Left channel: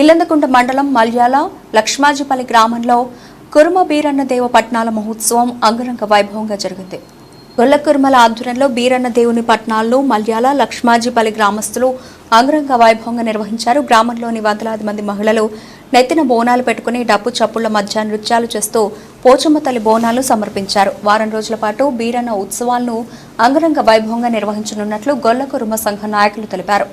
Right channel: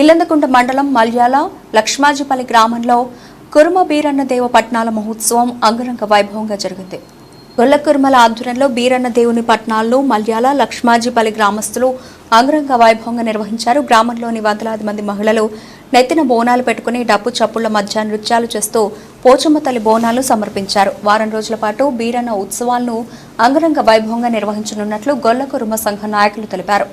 ఇల్లందకుంట మండలం మల్యాల లక్ష్మాజిపల్లి గ్రామంలో కురుమ బీరన్న దేవ పట్నాల మహోత్సవం అంగరంగ వైభవంగా జరిగింది. గొల్ల కురుమల ఆధ్వర్యంలో బీరన్న దేవుని పట్నాలను మల్యాల లక్ష్మాజిపల్లి గ్రామస్తులు అంగరంగ వైభవంగా నిర్వహించారు. గ్రామంలోని వందలాది మంది మహిళలు నెత్తిన బోనాలు పెట్టుకుని డప్పు చప్పుళ్ల మధ్య నృత్యాలు చేస్తూ పోచమ్మ తల్లి బోనాలను సమర్పించారు. వారం రోజుల పాటు బీరన్న ఉత్సవాలను అంగరంగ వైభవంగా నిర్వహించనున్నట్లు గొల్ల కురుమ సంఘ నాయకులు తెలిపారు.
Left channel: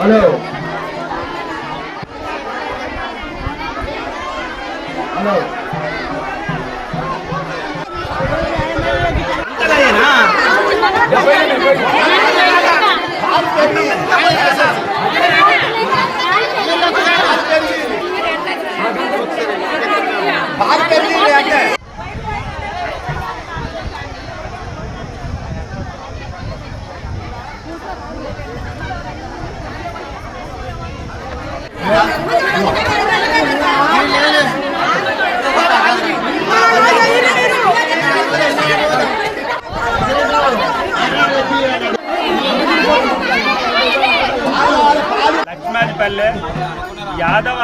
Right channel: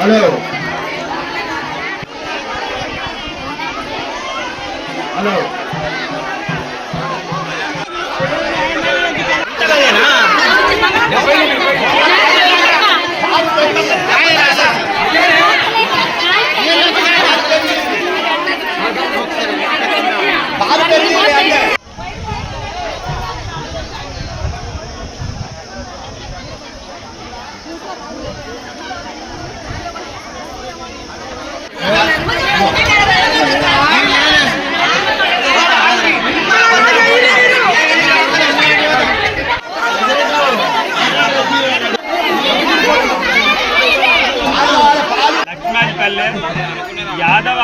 హలో హలో లక్ష్మాజిపల్లె యాదవ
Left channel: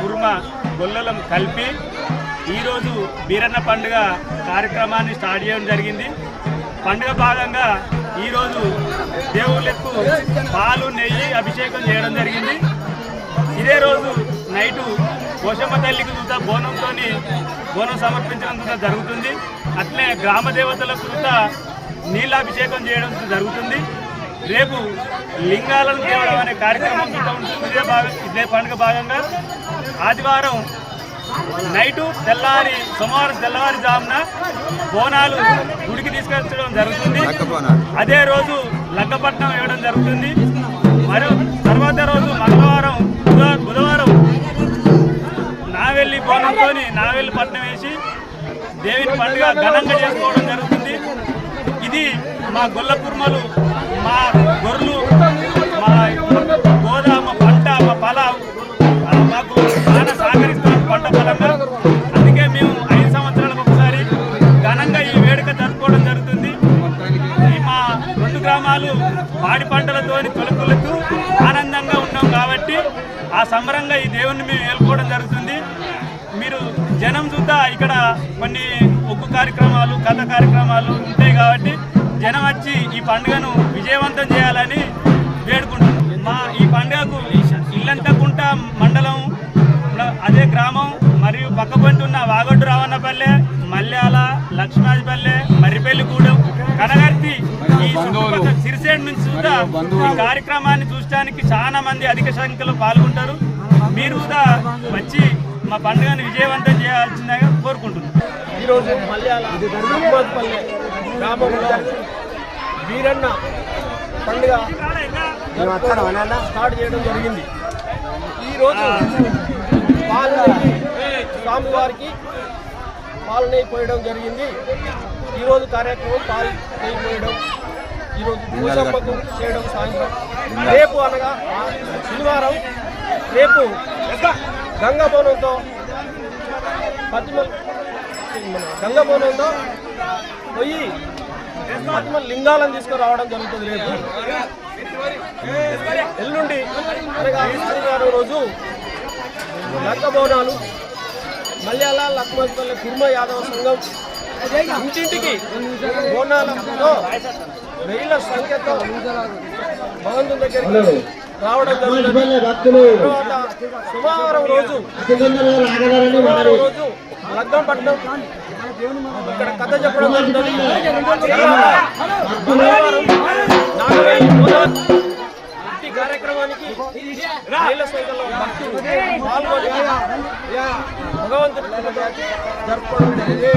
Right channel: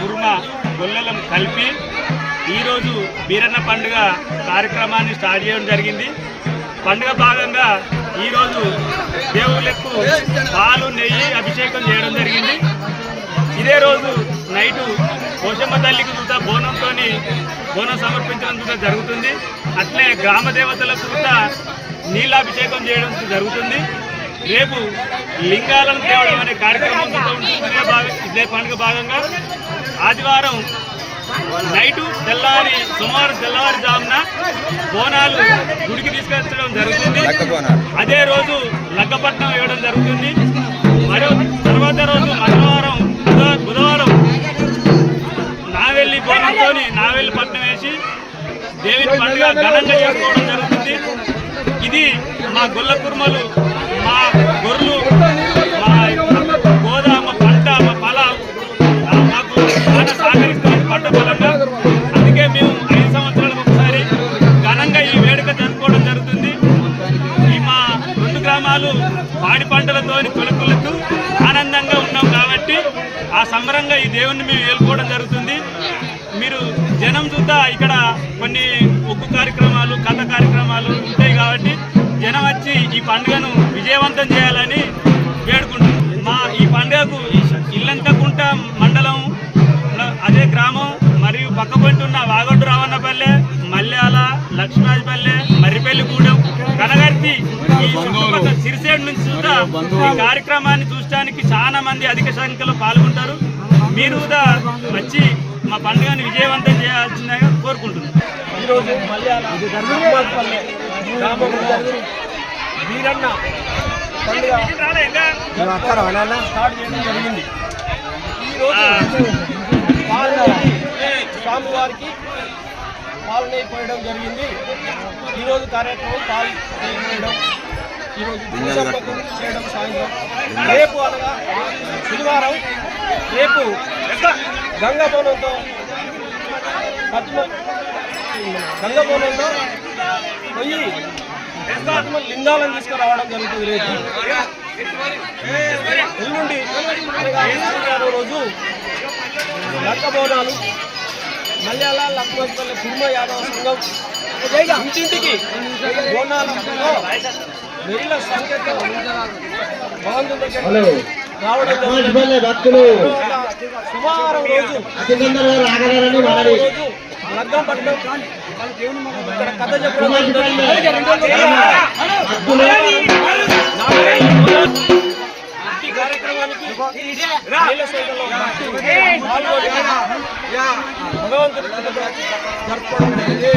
కుర్మ గొల్లలం కలిపి ఈరోజు బీరన్న పండుగ కార్యక్రమాన్ని స్టార్ట్ చేయడం జరిగింది. పండుగ భాగంగా ఈరోజు దేవుళ్ళకు పాలు నెయ్యి అభిషేకం చేయడం జరిగింది. ఇదే రోజు నైటు పోషమ్మ తల్లికి కూడా బోనం సమర్పించడం కూడా జరుగుతుంది. అట్లే గ్రామ దేవతలకు కూడా నీళ్ళాభిషేకం చేయడం జరుగుతుంది. రేపు లింగాలను తేవడం అనే కార్యక్రమం కూడా ఉంటుంది. ఇదే పండుగ భాగంగా ఆదివారం నైటు సోమవారం తెల్లవారుజామున బోనాలు గుడికి తీసుకొచ్చడం జరుగుతుంది. అదే రోజు లగ్గపట్నం వేయడం జరుగుతుంది. మరో తర్వాత రోజు మంగళవారం బుధవారం నావెల్లి బోనంతో నావెల్లి పట్నం వేసి దేవుని పండుగ ఘనంగా చేసుకోవడం జరుగుతుంది. ఇది మా గొల్ల కుర్మలు, మా గొర్రెలు, మా గోదా, మా పంట, మా పొలం మాకు చాలా సహకరిస్తున్న పంట పొలంగా. అందుకే మేము 5 సంవత్సరాలకు ఒకసారి ఘనంగా ఈ వేడుక జరుపుకోవడం జరుగుతుంది. ఈ మా 2 గ్రామాలు పాడి పంటలతో తొలుకులతో ఆనందంగా ఉన్నాం కాబట్టి ఆ సంబరంగా ఈ దేవుణ్ణి మేము ఏలుకోవడం జరుగుతుంది. మీరు జనం చూద్దా ఇక్కడ కొన్ని ఒగ్గు కార్యక్రమాలు, కథ కార్యక్రమాలు ఉంటాయి కాబట్టి జనం వచ్చి ఈ పండుగను విజయవంతం చేయాలని వేడుకుంటున్నాం. మా ఈ పండుగకు ఇల్లంతకుంట మండలం, అదే గ్రామం మరియు పక్కపొంటి ఉన్న వాగొడ్డు రావన్నపల్లె, మల్యాల, లక్ష్మాజిపల్లె, మర్రిపల్లిగూడెం, కనగర్తి, ఈ చుట్టుపక్కల సిరిసేడు నుంచి కూడా ఈ కార్యక్రమాన్ని చూడటానికి చాలా మంది అధిక సంఖ్యలో పాల్గొంటారు. మీరు కూడా వచ్చి మా పండుగను విజయవంతం చేయాల్సిందిగా కోరుకుంటున్నాం. ఈరోజు మల్యాల లక్ష్మాజిపల్లె గ్రామంలో బీరన్న పండుగ స్టార్ట్ చేయడం జరిగింది. ఈరోజు పాలు నెయ్యి స్వామివారికి పాలు నెయ్యి పోయడం జరిగింది. ఈరోజు కార్యక్రమం పాలు నెయ్యి పోయడం, ఈరోజు పూసమ్మకు చేయడం సాయంత్రం. రేపు అనగా శనివారం రేపు గంగబోనంతో గంగబోనంతో పోయి లింగాలను తీసుకురావడం జరుగుతుంది. రేపు ఎల్లుండి అనగా ఆదివారం రోజు లక్క బోనాలు మల్యాల లక్ష్మాజిపల్లె కుర్మ యాదవ సంఘం ఇంటింటికి బోనాలతో వేల సంఖ్యతో భగవంతుని దగ్గరికి రావడం జరుగుతుంది. సోమవారం రోజు లగ్గం పట్టడం ఇక్కడ కథ చెప్పడం జరుగుతుంది. ఈ కార్యక్రమానికి వేల సంఖ్యలో భక్తులు పాల్గొని భగవంతుని జరుపుకోవడం జరిగింది.